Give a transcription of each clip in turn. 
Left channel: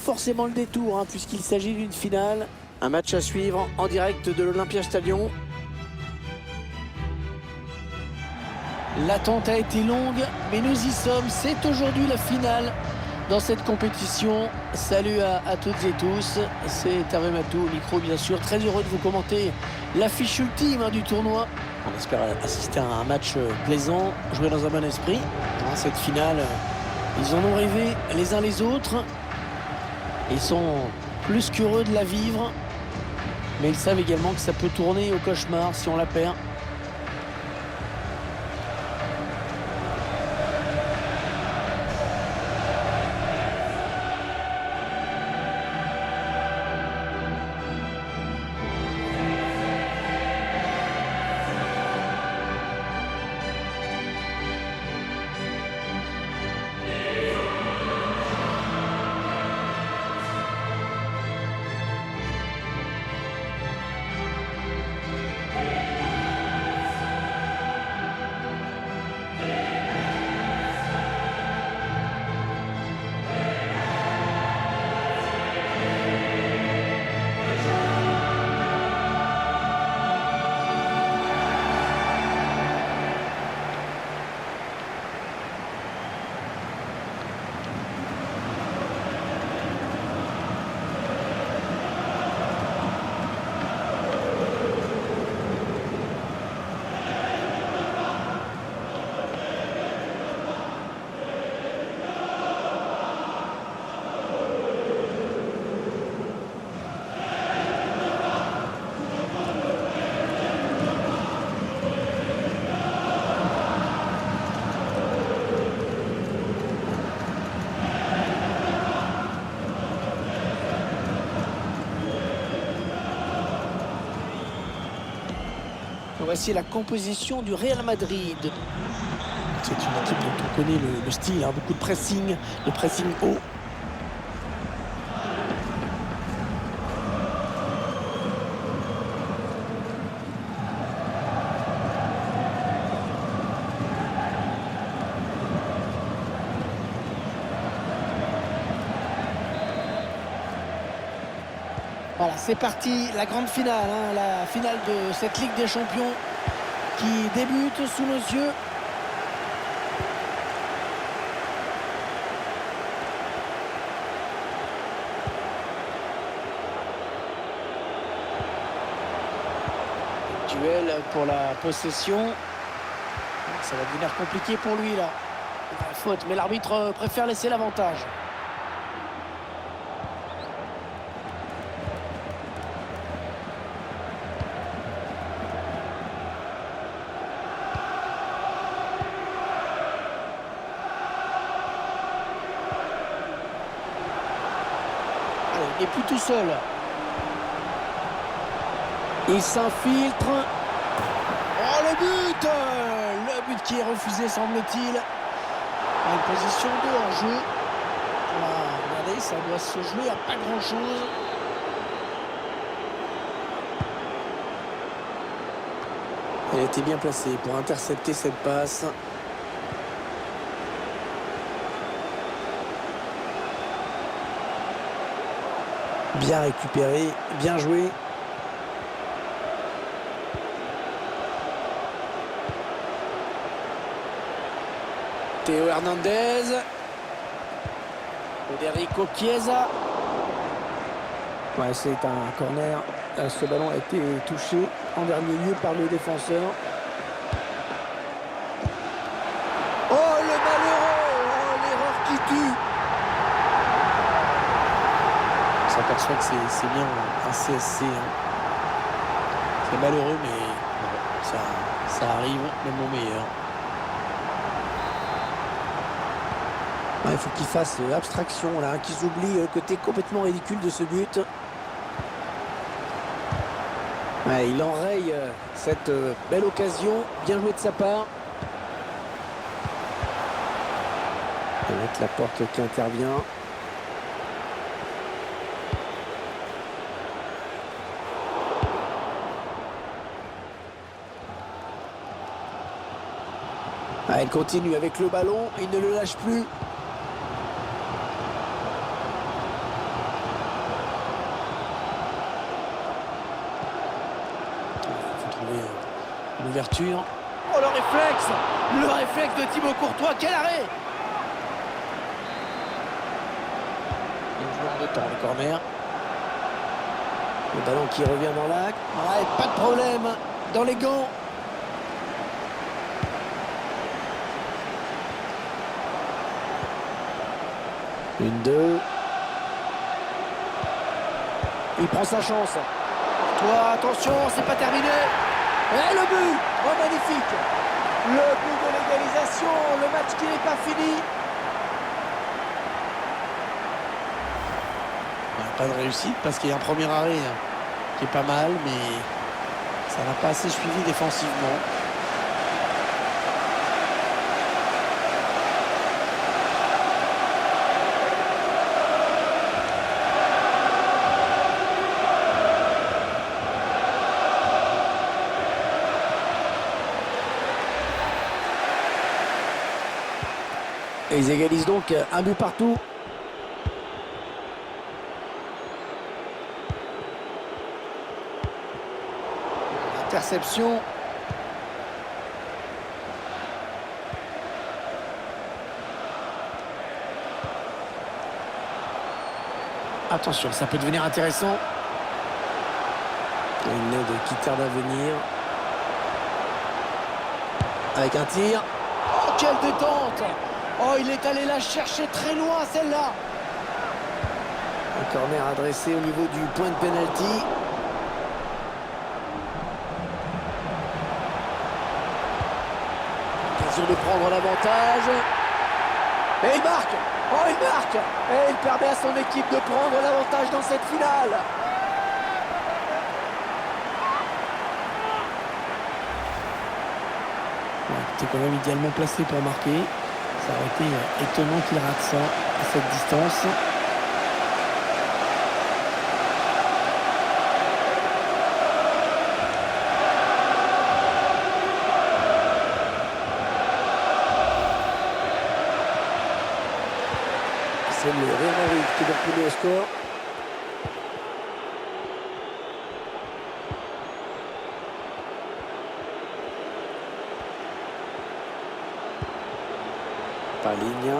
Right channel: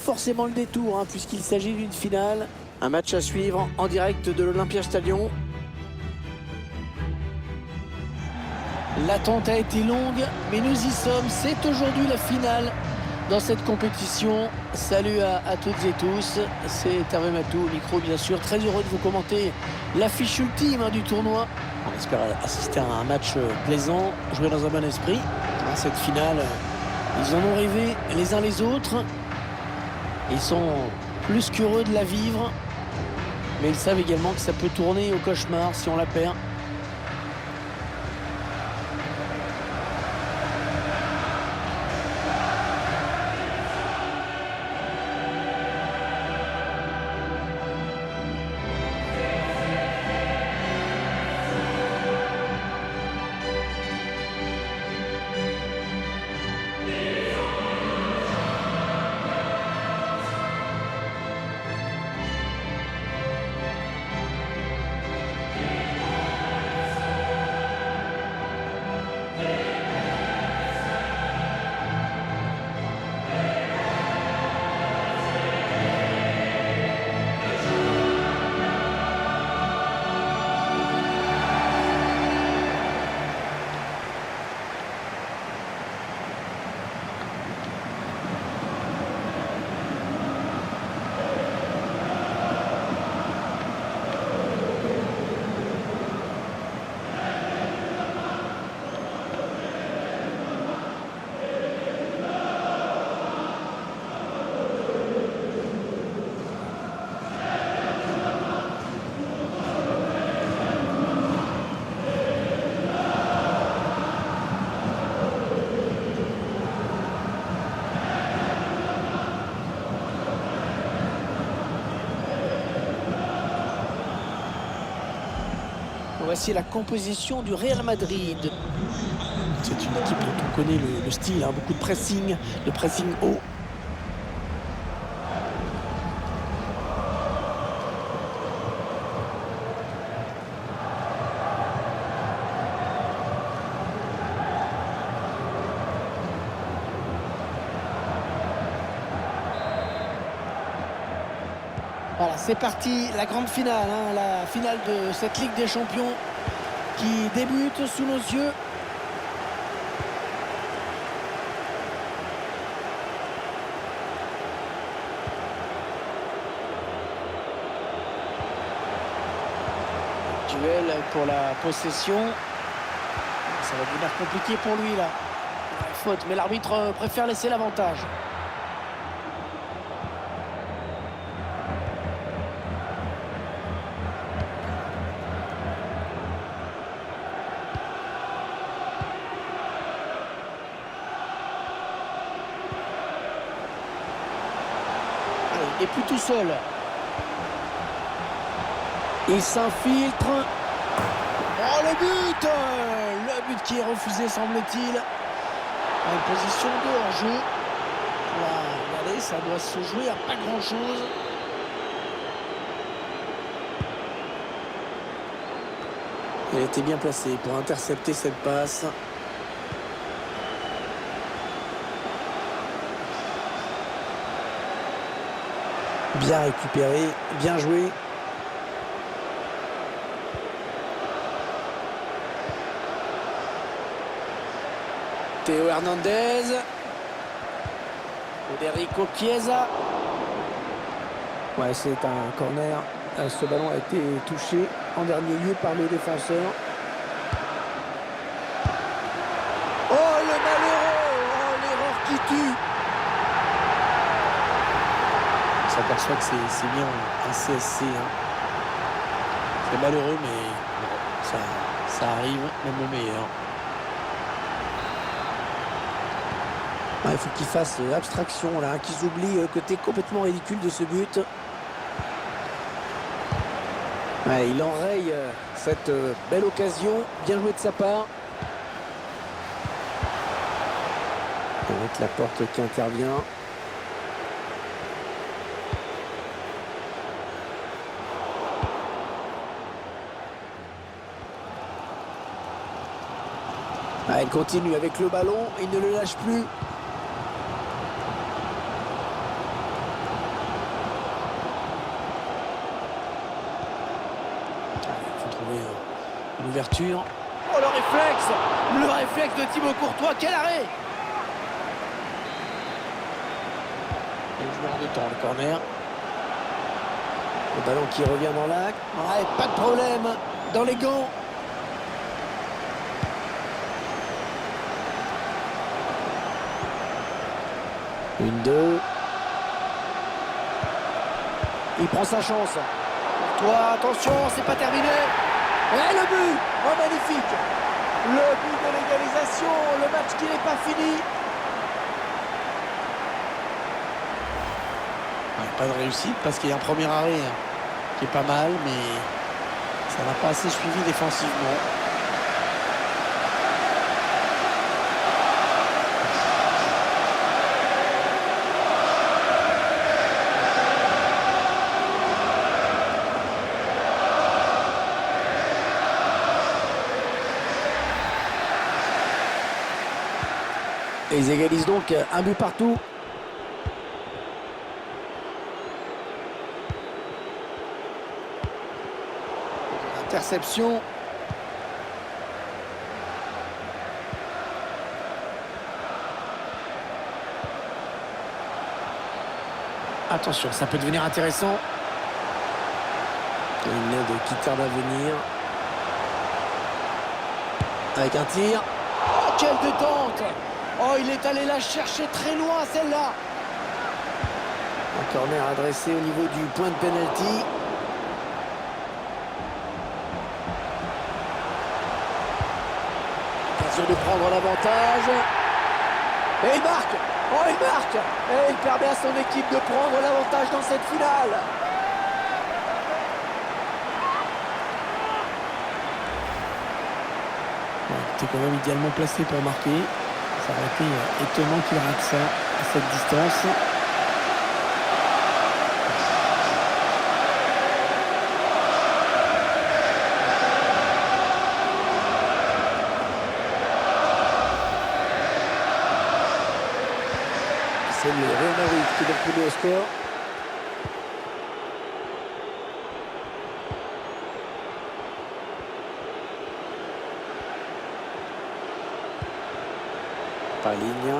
Forcément le détour puisqu'il s'agit d'une finale, un match à suivre en direct de l'Olympia Stadium. L'attente a été longue, mais nous y sommes. C'est aujourd'hui la finale dans cette compétition. Salut à toutes et tous, c'est Hervé Matou au micro bien sûr. Très heureux de vous commenter l'affiche ultime du tournoi. On espère assister à un match plaisant, jouer dans un bon esprit. Cette finale, ils en ont rêvé les uns les autres. Ils sont plus qu'heureux de la vivre, mais ils savent également que ça peut tourner au cauchemar si on la perd. Voici la composition du Real Madrid. C'est une équipe dont on connaît le style, beaucoup de pressing haut. Voilà, c'est parti, la grande finale, la finale de cette Ligue des Champions qui débute sous nos yeux. Duel pour la possession. Ça va devenir compliqué pour lui là. Faute, mais l'arbitre préfère laisser l'avantage. Il n'est plus tout seul. Il s'infiltre. Oh, le but! Le but qui est refusé, semble-t-il. Une position de hors-jeu. Voilà, regardez, ça doit se jouer à pas grand-chose. Elle était bien placée pour intercepter cette passe. Bien récupéré, bien joué. Théo Hernandez. Federico Chiesa. Ouais, c'est un corner. Ce ballon a été touché en dernier lieu par le défenseur. Oh, le malheureux! Oh, l'erreur qui tue! On s'aperçoit que c'est bien un CSC. C'est malheureux, mais bon, ça arrive, même au meilleur. Il faut qu'ils fassent abstraction, là, qu'ils oublient le côté complètement ridicule de ce but. Ouais, il enraye cette belle occasion. Bien joué de sa part. Avec la porte qui intervient. Il continue avec le ballon, il ne le lâche plus. trouver une ouverture. Oh, le réflexe! Le réflexe de Thibaut Courtois, quel arrêt! Il joue en 2 temps, le corner. Le ballon qui revient dans l'axe. Ouais, pas de problème dans les gants. Une, deux. Il prend sa chance. Courtois, attention, c'est pas terminé. Et le but! Oh, magnifique! Le but de l'égalisation, le match qui n'est pas fini. Ouais, pas de réussite parce qu'il y a un premier arrêt qui est pas mal, mais ça n'a pas assez suivi défensivement. Et ils égalisent donc un but partout. Interception. Attention, ça peut devenir intéressant. Une aide qui tarde à venir. Avec un tir. Oh, quelle détente! Oh, il est allé la chercher très loin, celle-là. Un corner adressé au niveau du point de pénalty. Occasion de prendre l'avantage. Et il marque! Oh, il marque! Et il permet à son équipe de prendre l'avantage dans cette finale. Ouais, il était quand même idéalement placé pour marquer. Ça aurait été étonnant qu'il rate ça à cette distance. C'est le Real Madrid qui est donc mené au score. Ligne.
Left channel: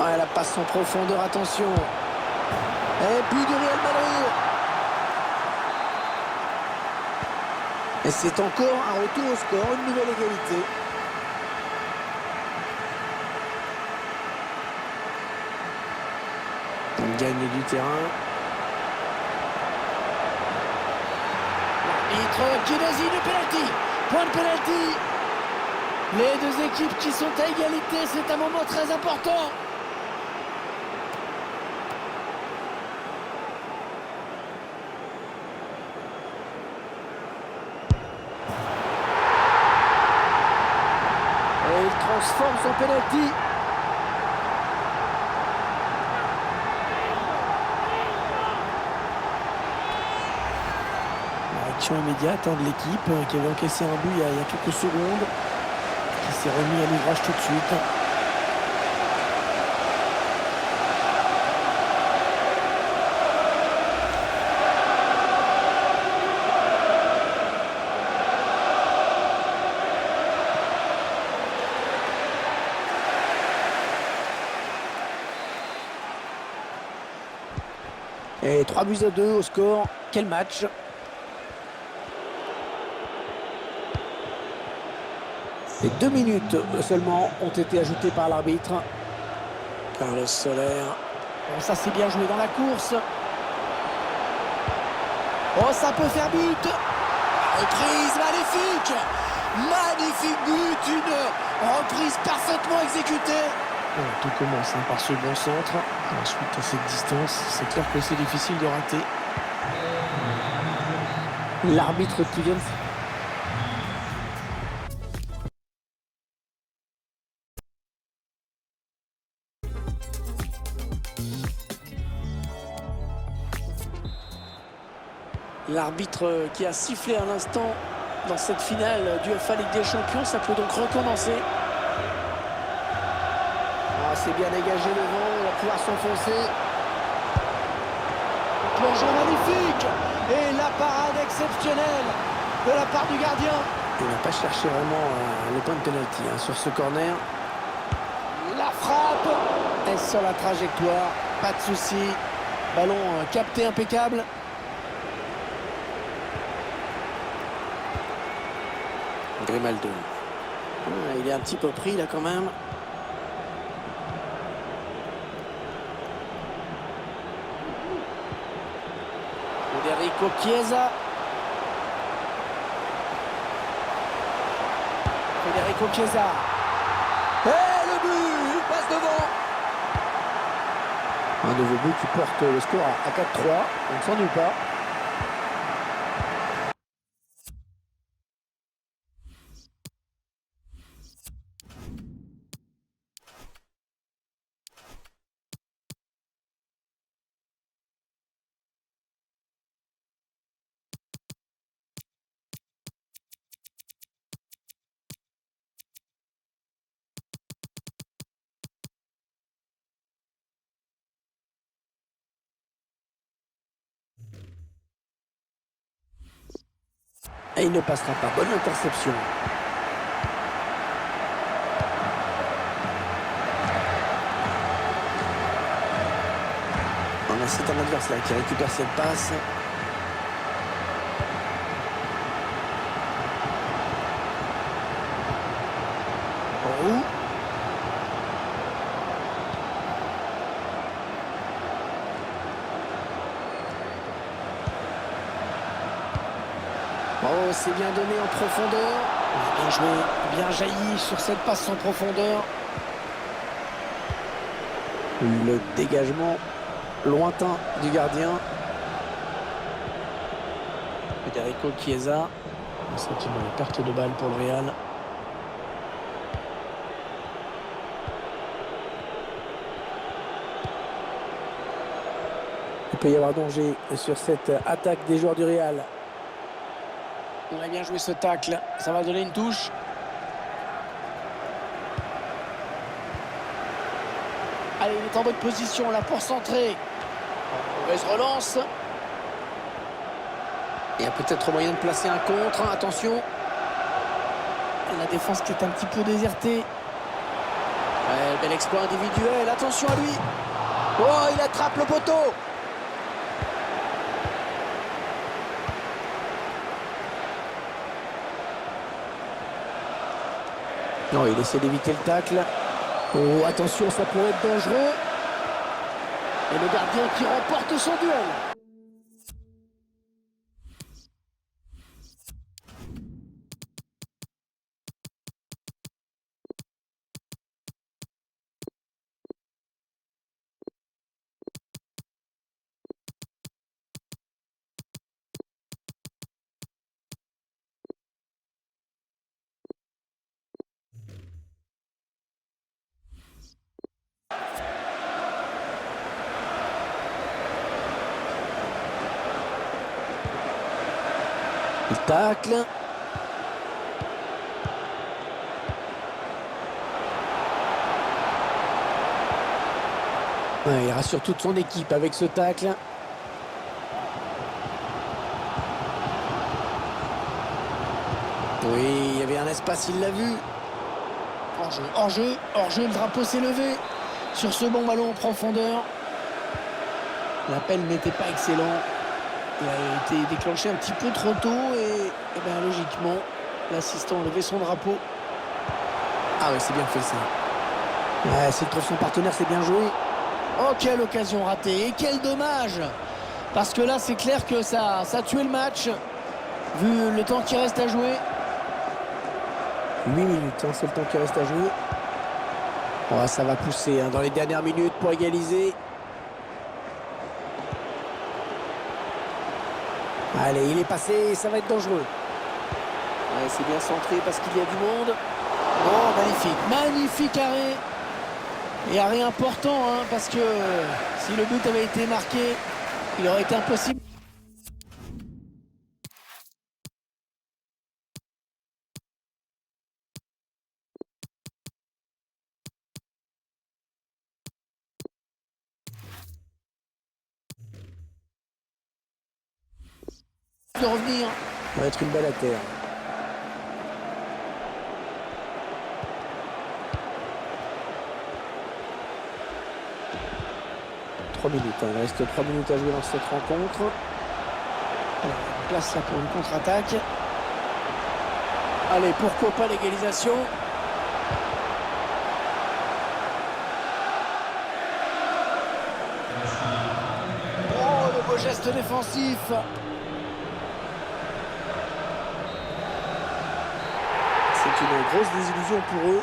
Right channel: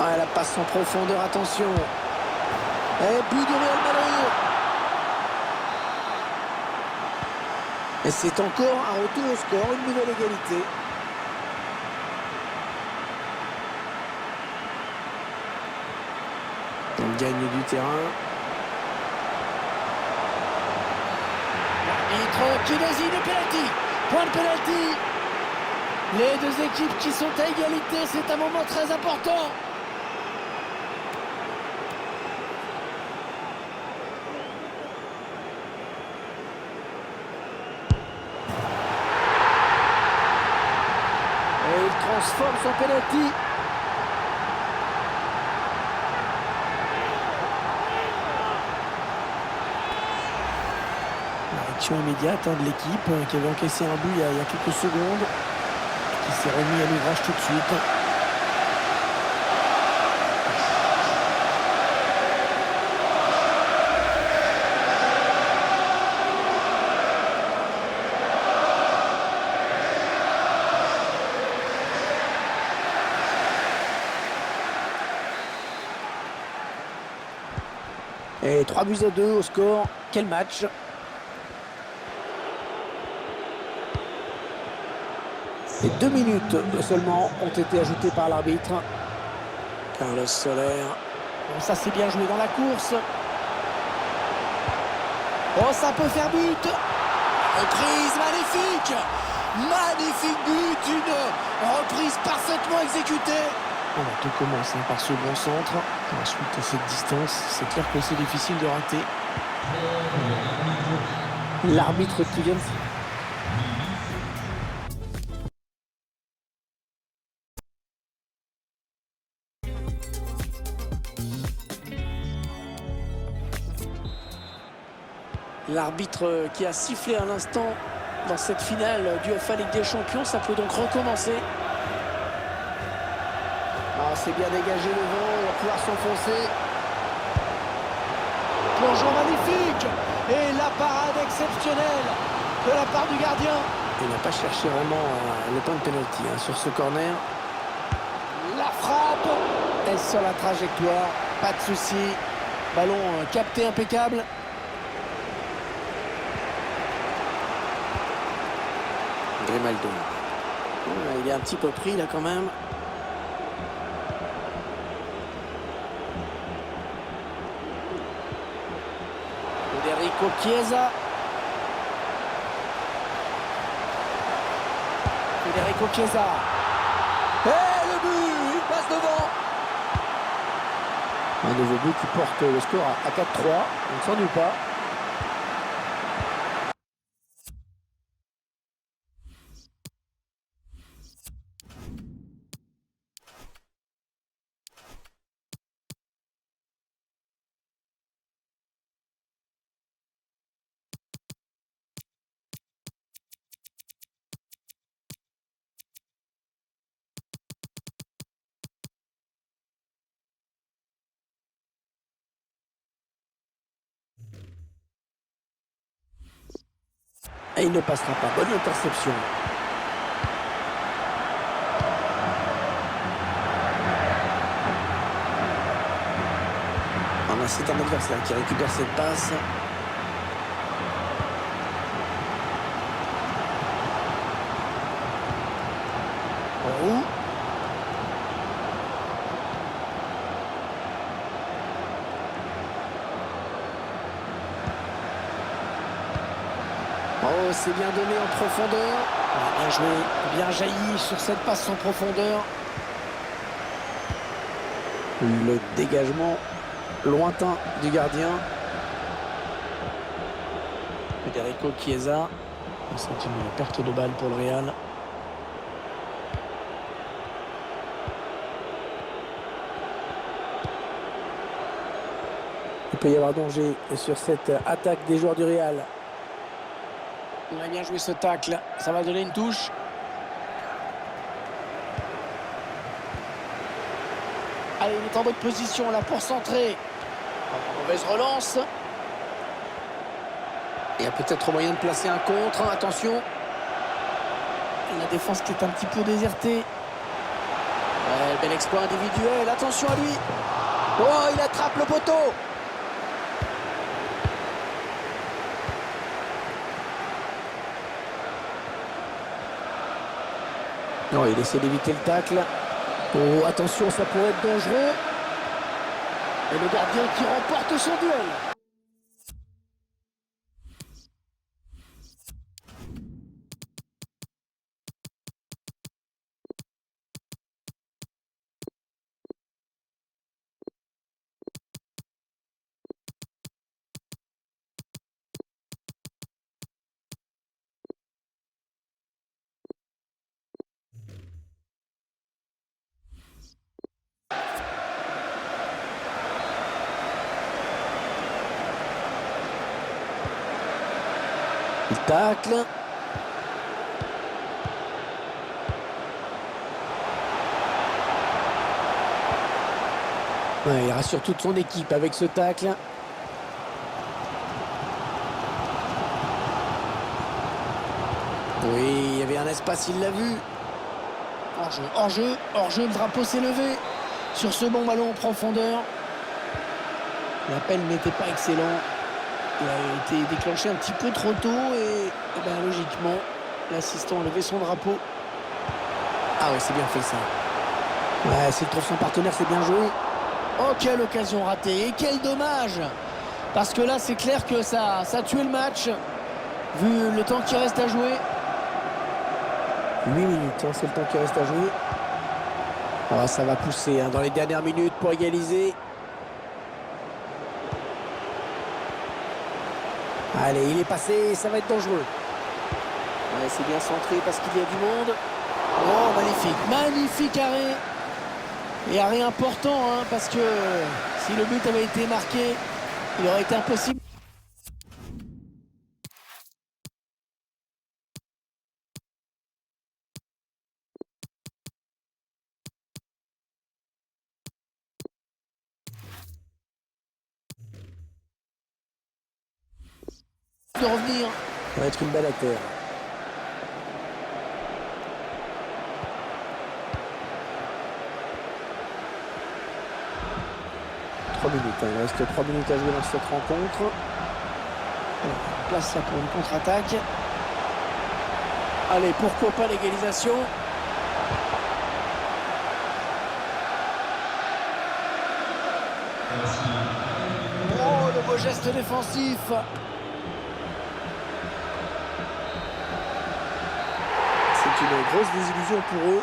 Ah, la passe en profondeur, attention. Et but du Real Madrid. Et c'est encore un retour au score, une nouvelle égalité. On gagne du terrain. L'arbitre qui désigne le pénalty. Point de pénalty. Les deux équipes qui sont à égalité, c'est un moment très important. Et il transforme son pénalty. Action immédiate de l'équipe qui avait encaissé un but il y a quelques secondes, qui s'est remis à l'ouvrage tout de suite. Et 3-2 au score. Quel match! Et 2 minutes seulement ont été ajoutées par l'arbitre. Carlos Soler. Bon, ça c'est bien joué dans la course. Oh, ça peut faire but. La reprise magnifique. Magnifique but. Une reprise parfaitement exécutée. Voilà, tout commence par ce bon centre. Ensuite, à cette distance, c'est clair que c'est difficile de rater. L'arbitre qui vient de... L'arbitre qui a sifflé à l'instant dans cette finale du UEFA Ligue des Champions, ça peut donc recommencer. Ah, c'est bien dégagé le vent, on va pouvoir s'enfoncer. plongeon magnifique. Et la parade exceptionnelle de la part du gardien. Il n'a pas cherché vraiment le point de pénalty sur ce corner. La frappe est sur la trajectoire, pas de souci. Ballon capté impeccable. Grimaldo. Il est un petit peu pris là quand même. Federico Chiesa. Federico Chiesa. Et le but, il passe devant. Un nouveau but qui porte le score à 4-3. On ne s'ennuie pas. Et il ne passera pas. Bonne interception. C'est un adversaire qui récupère cette passe. Roux. Oh, c'est bien donné en profondeur. Bien joué, bien jailli sur cette passe en profondeur. Le dégagement lointain du gardien. Federico Chiesa. C'est une perte de balle pour le Real. Il peut y avoir danger sur cette attaque des joueurs du Real. On a bien joué ce tacle. Ça va donner une touche. Allez, il est en bonne position là pour centrer. Mauvaise relance. Il y a peut-être moyen de placer un contre. Attention. La défense qui est un petit peu désertée. Ouais, bel exploit individuel. Attention à lui. Oh, il attrape le poteau. Non, il essaie d'éviter le tacle. Oh, attention, ça pourrait être dangereux. Et le gardien qui remporte son duel. Il tacle. Ouais, il rassure toute son équipe avec ce tacle. Oui, il y avait un espace, il l'a vu. Hors-jeu, hors-jeu, hors-jeu, le drapeau s'est levé. Sur ce bon ballon en profondeur. L'appel n'était pas excellent. Il a été déclenché un petit peu trop tôt et ben, logiquement, l'assistant a levé son drapeau. Ah oui, c'est bien fait ça. Ouais, s'il trouve son partenaire, c'est bien joué. Oh, quelle occasion ratée et quel dommage. Parce que là, c'est clair que ça a tué le match. Vu le temps qui reste à jouer. 8 minutes, c'est le temps qui reste à jouer. Oh, ça va pousser dans les dernières minutes pour égaliser. Allez, il est passé, ça va être dangereux. Ouais, c'est bien centré parce qu'il y a du monde. Oh, magnifique, magnifique arrêt. Et arrêt important, parce que si le but avait été marqué, il aurait été impossible. de revenir. Ça va être une balle à terre. Minutes. Il reste 3 minutes à jouer dans cette rencontre. Alors, place là pour une contre-attaque. Allez, pourquoi pas l'égalisation. Oh, le beau geste défensif. C'est une grosse désillusion pour eux.